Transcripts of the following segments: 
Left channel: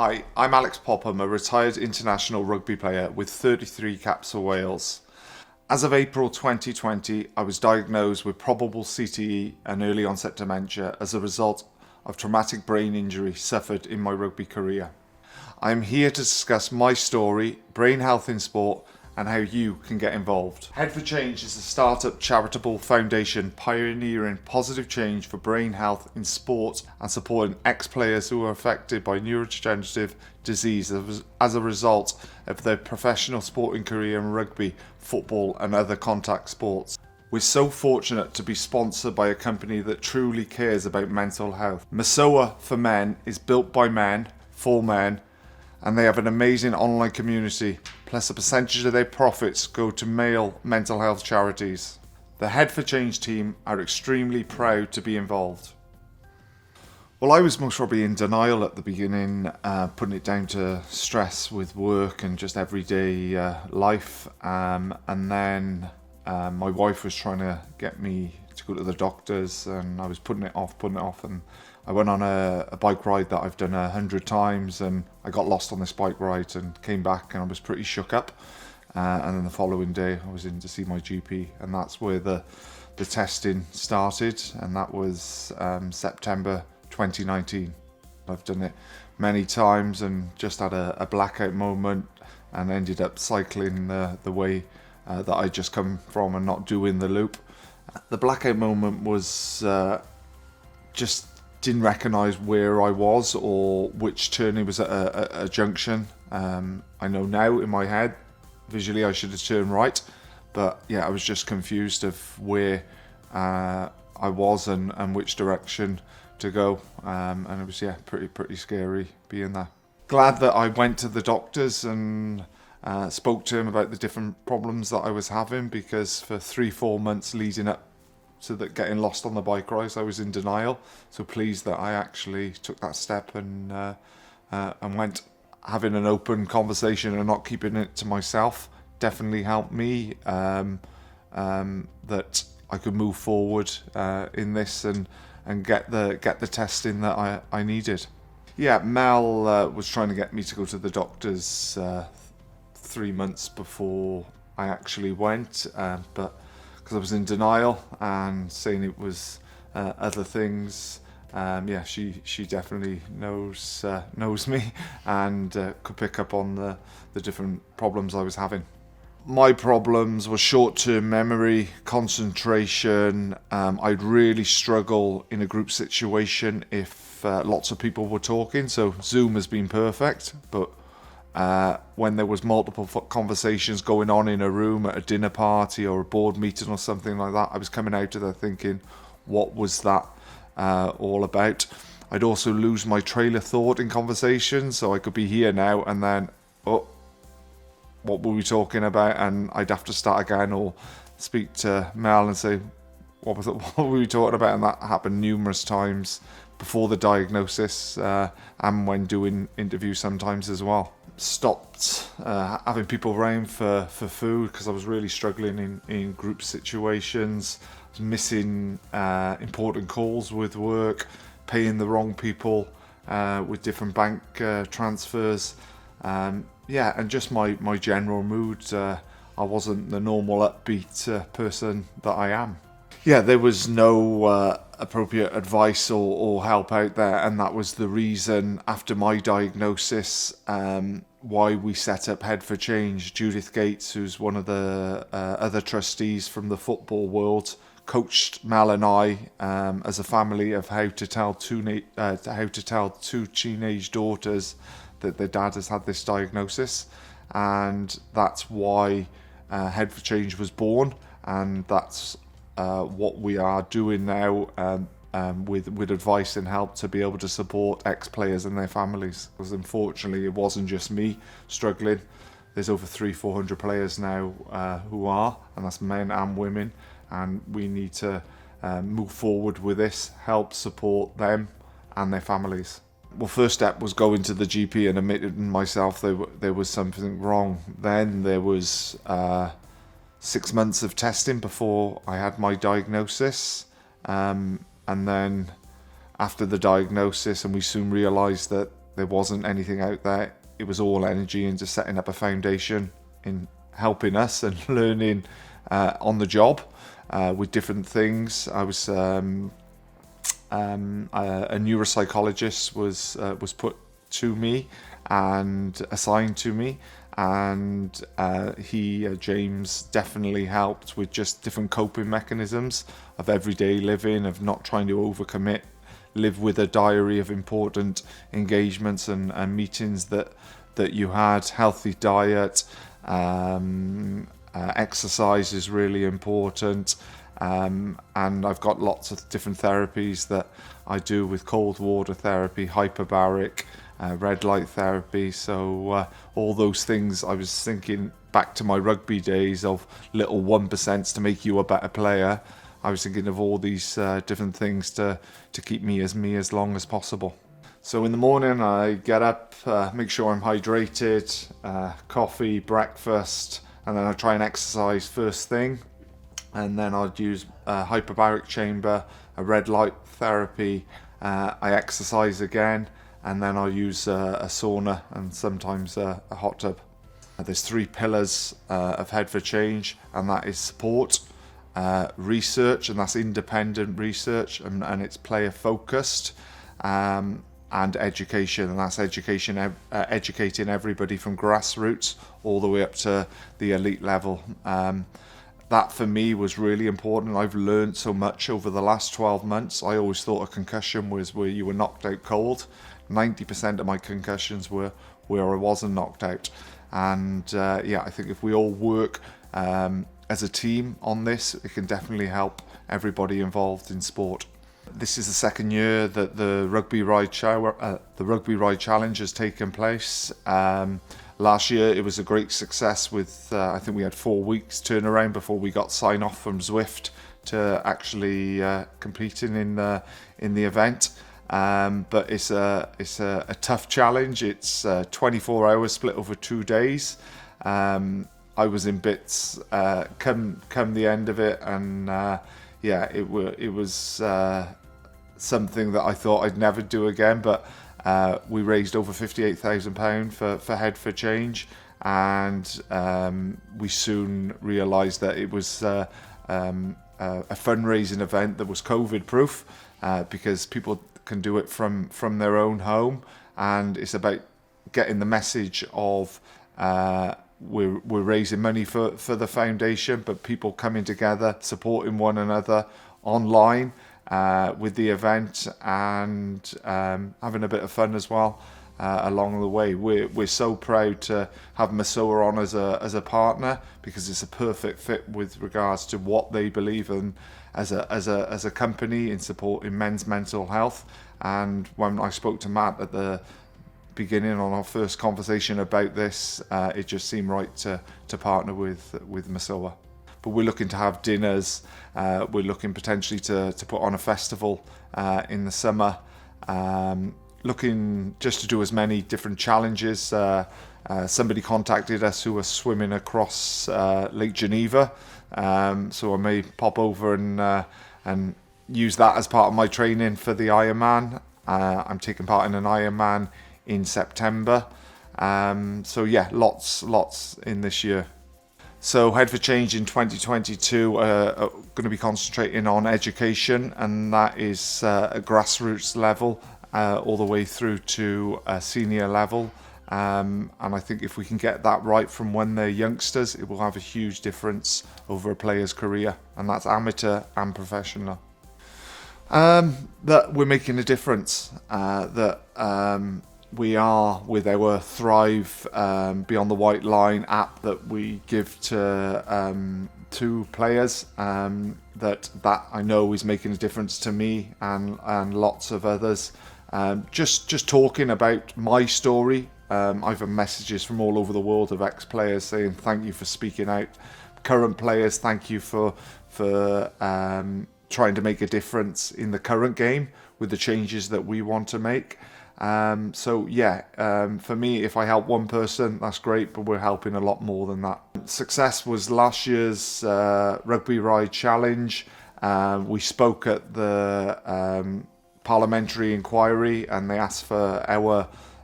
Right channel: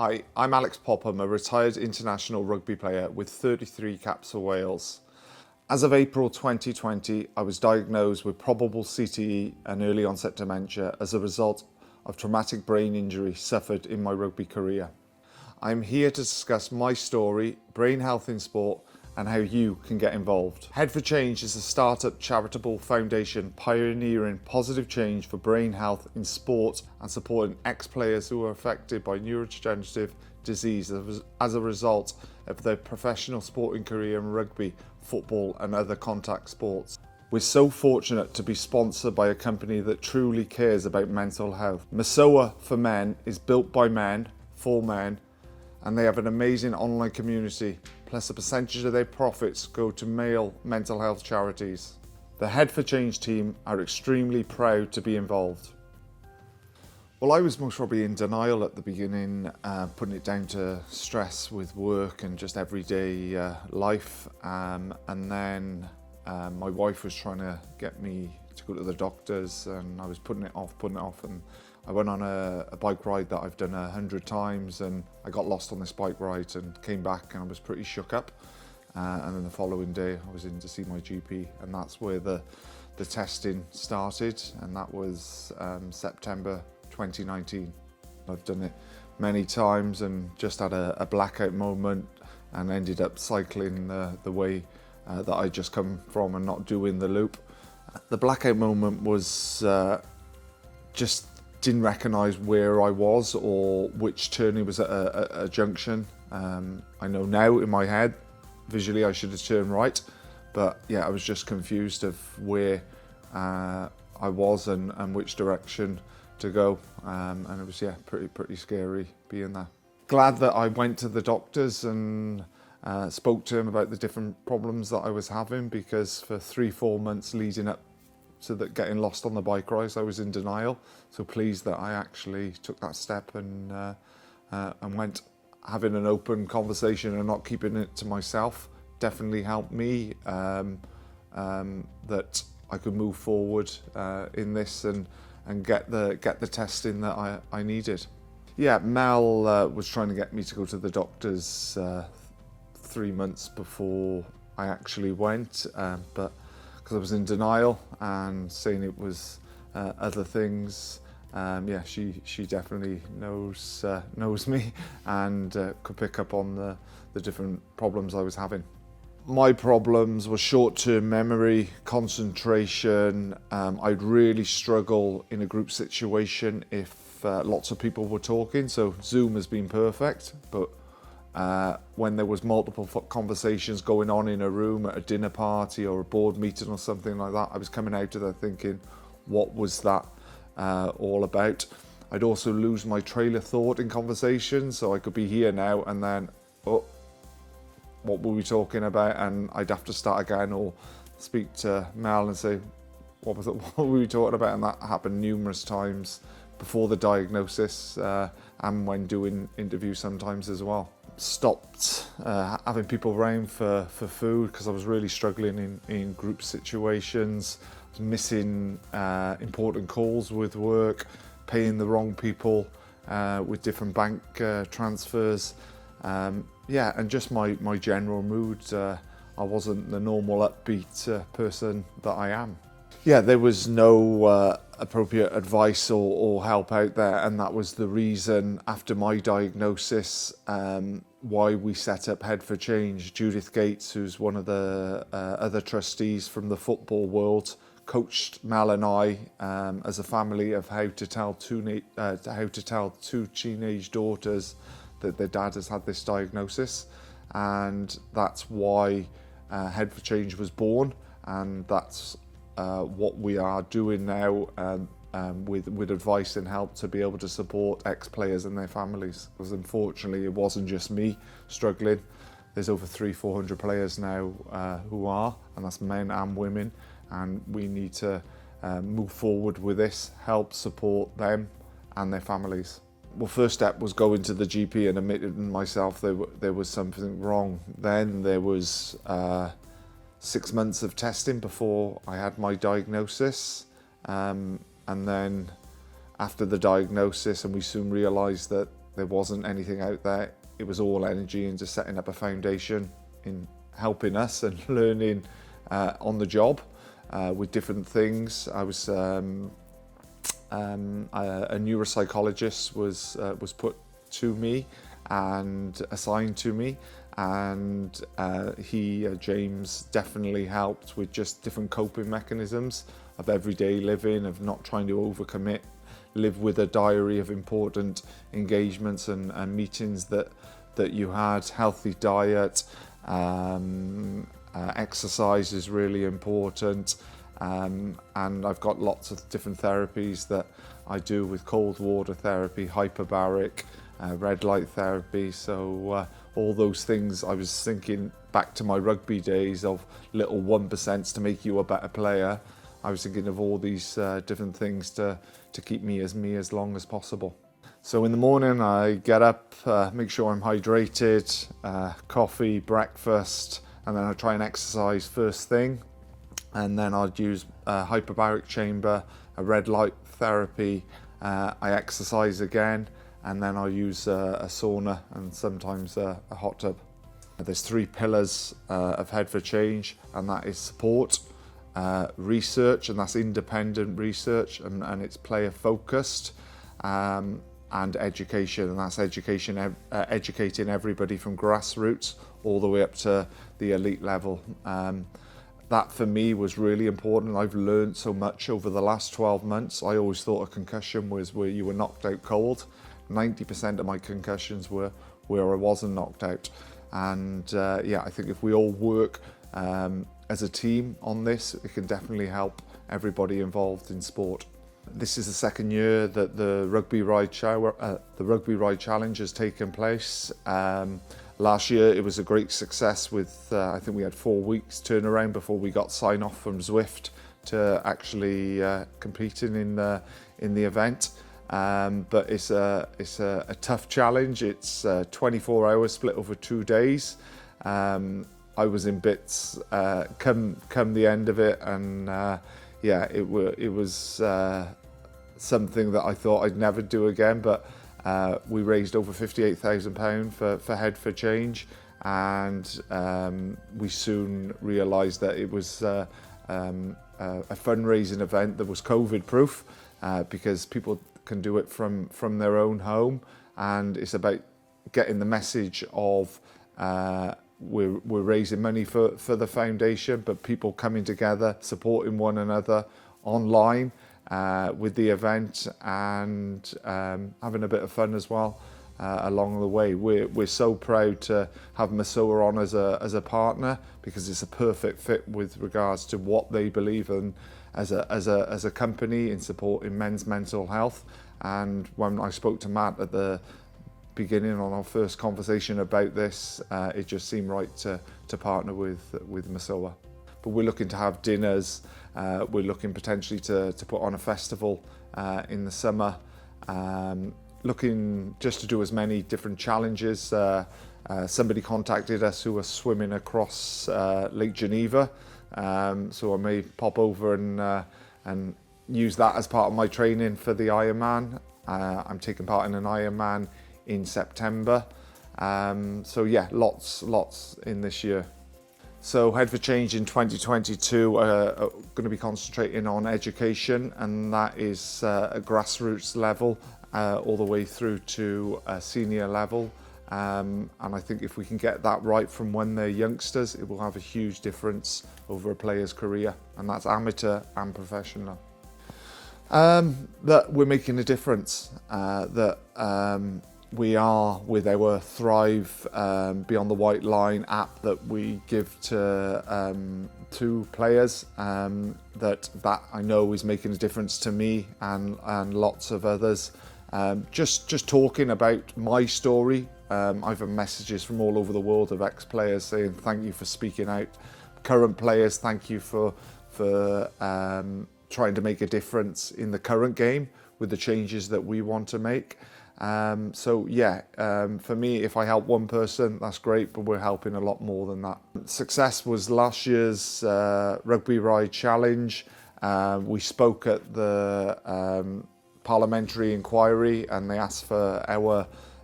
Hi, I'm Alix Popham, a retired international rugby player with 33 caps for Wales. As of April 2020, I was diagnosed with probable CTE and early-onset dementia as a result of traumatic brain injury suffered in my rugby career. I am here to discuss my story, brain health in sport, and how you can get involved. Head for Change is a startup charitable foundation pioneering positive change for brain health in sport and supporting ex-players who are affected by neurodegenerative disease as a result of their professional sporting career in rugby, football and other contact sports. We're so fortunate to be sponsored by a company that truly cares about mental health. MESOA for Men is built by men, for men, and they have an amazing online community, plus a percentage of their profits go to male mental health charities. The Head for Change team are extremely proud to be involved. Well, I was most probably in denial at the beginning, putting it down to stress with work and just everyday life. And then my wife was trying to get me to go to the doctors, and I was putting it off, and I went on a bike ride that I've done 100 times, and I got lost on this bike ride and came back and I was pretty shook up. And then the following day I was in to see my GP, and that's where the testing started, and that was September 2019. I've done it many times and just had a blackout moment and ended up cycling the way that I just come from and not doing the loop. The blackout moment was just didn't recognise where I was or which turn it was at a junction. I know now in my head, visually I should have turned right, but yeah, I was just confused of where I was and which direction to go, and it was pretty scary being there. Glad that I went to the doctors and spoke to him about the different problems that I was having, because for 3-4 months leading up to that getting lost on the bike ride, I was in denial. So pleased that I actually took that step and went. Having an open conversation and not keeping it to myself definitely helped me, that I could move forward in this and get the testing that I needed. Yeah, Mel was trying to get me to go to the doctors 3 months before I actually went, but because I was in denial and saying it was other things, she definitely knows me and could pick up on the different problems I was having. My problems were short-term memory, concentration. I'd really struggle in a group situation if lots of people were talking. So Zoom has been perfect, but when there was multiple conversations going on in a room at a dinner party or a board meeting or something like that, I was coming out of there thinking, what was that all about? I'd also lose my trail of thought in conversations, so I could be here now and then, what were we talking about? And I'd have to start again or speak to Mel and say, what were we talking about? And that happened numerous times before the diagnosis and when doing interviews sometimes as well. Stopped having people around for food because I was really struggling in group situations. I was missing important calls with work, paying the wrong people with different bank transfers. And just my general mood. I wasn't the normal upbeat person that I am. Yeah, there was no appropriate advice or help out there, and that was the reason after my diagnosis why we set up Head for Change. Judith Gates, who's one of the other trustees from the football world, coached Mel and I as a family of how to tell two teenage daughters that their dad has had this diagnosis, and that's why Head for Change was born, and that's what we are doing now with advice and help to be able to support ex-players and their families. Because unfortunately it wasn't just me struggling. There's over 300-400 players now who are, and that's men and women, and we need to move forward with this, help support them and their families. Well, first step was going to the GP and admitting myself there was something wrong. Then there was 6 months of testing before I had my diagnosis, and then after the diagnosis, and we soon realised that There wasn't anything out there. It was all energy into setting up a foundation, in helping us and learning on the job with different things. I was a neuropsychologist was put to me and assigned to me, and James definitely helped with just different coping mechanisms of everyday living, of not trying to overcommit, live with a diary of important engagements and meetings that you had, healthy diet, exercise is really important, and I've got lots of different therapies that I do with cold water therapy, hyperbaric, red light therapy. So all those things, I was thinking back to my rugby days of little 1% to make you a better player. I was thinking of all these different things to keep me as long as possible. So in the morning I get up, make sure I'm hydrated, coffee, breakfast, and then I try and exercise first thing. And then I'd use a hyperbaric chamber, a red light therapy, I exercise again, and then I use a sauna and sometimes a hot tub. There's 3 pillars of Head for Change, and that is support, research, and that's independent research, and it's player focused, and education, and that's educating everybody from grassroots all the way up to the elite level. That for me was really important. I've learned so much over the last 12 months. I always thought a concussion was where you were knocked out cold. 90% of my concussions were where I wasn't knocked out. And I think if we all work as a team on this, it can definitely help everybody involved in sport. This is the second year that the Rugby Ride Challenge has taken place. Last year it was a great success with, I think we had 4 weeks turnaround before we got sign off from Zwift to actually competing in the event. But it's a tough challenge. It's 24 hours split over 2 days. I was in bits come the end of it, and it was something that I thought I'd never do again, but we raised over £58,000 for Head for Change, and we soon realised that it was a fundraising event that was COVID proof, because people can do it from their own home, and it's about getting the message of we're raising money for the foundation, but people coming together, supporting one another online with the event, and having a bit of fun as well along the way. We're so proud to have MESOA on as a partner, because it's a perfect fit with regards to what they believe in as a company in supporting men's mental health. And when I spoke to Matt at the beginning on our first conversation about this, it just seemed right to partner with MESOA. But we're looking to have dinners. We're looking potentially to put on a festival in the summer. Looking just to do as many different challenges. Somebody contacted us who was swimming across Lake Geneva, so I may pop over and use that as part of my training for the Ironman. I'm taking part in an Ironman in September. Lots in this year. So Head for Change in 2022 are going to be concentrating on education, and that is a grassroots level all the way through to a senior level. And I think if we can get that right from when they're youngsters, it will have a huge difference over a player's career, and that's amateur and professional. That we're making a difference, we are with our Thrive Beyond the White Line app that we give to players, that I know is making a difference to me and lots of others. Just talking about my story. I've had messages from all over the world of ex-players saying thank you for speaking out. Current players, thank you for trying to make a difference in the current game with the changes that we want to make. For me, if I help one person, that's great, but we're helping a lot more than that. Success was last year's Rugby Ride Challenge. We spoke at the parliamentary inquiry, and they asked for our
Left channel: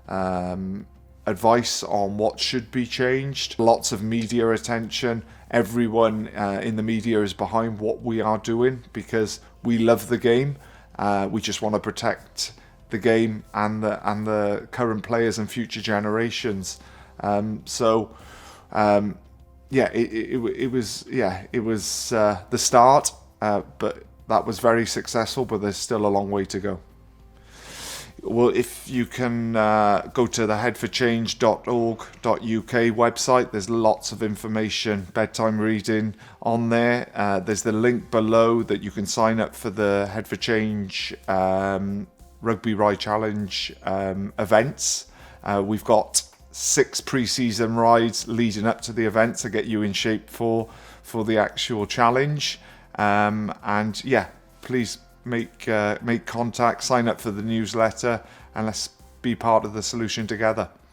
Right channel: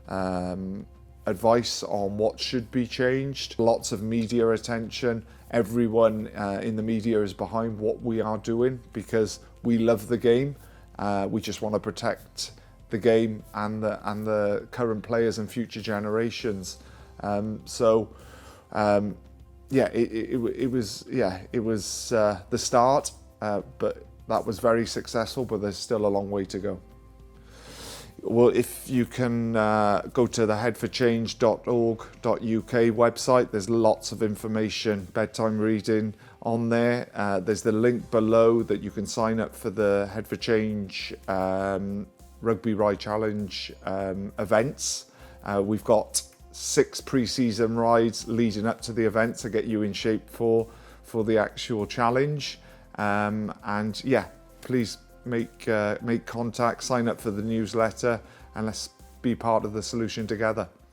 advice on what should be changed. Lots of media attention. Everyone in the media is behind what we are doing because we love the game. We just want to protect the game and the current players and future generations. It was the start, but that was very successful. But there's still a long way to go. Well, if you can go to the headforchange.org.uk website, there's lots of information, bedtime reading on there. There's the link below that you can sign up for the Head for Change Rugby Ride Challenge events. We've got 6 pre-season rides leading up to the event to get you in shape for the actual challenge. Please make contact, sign up for the newsletter, and let's be part of the solution together.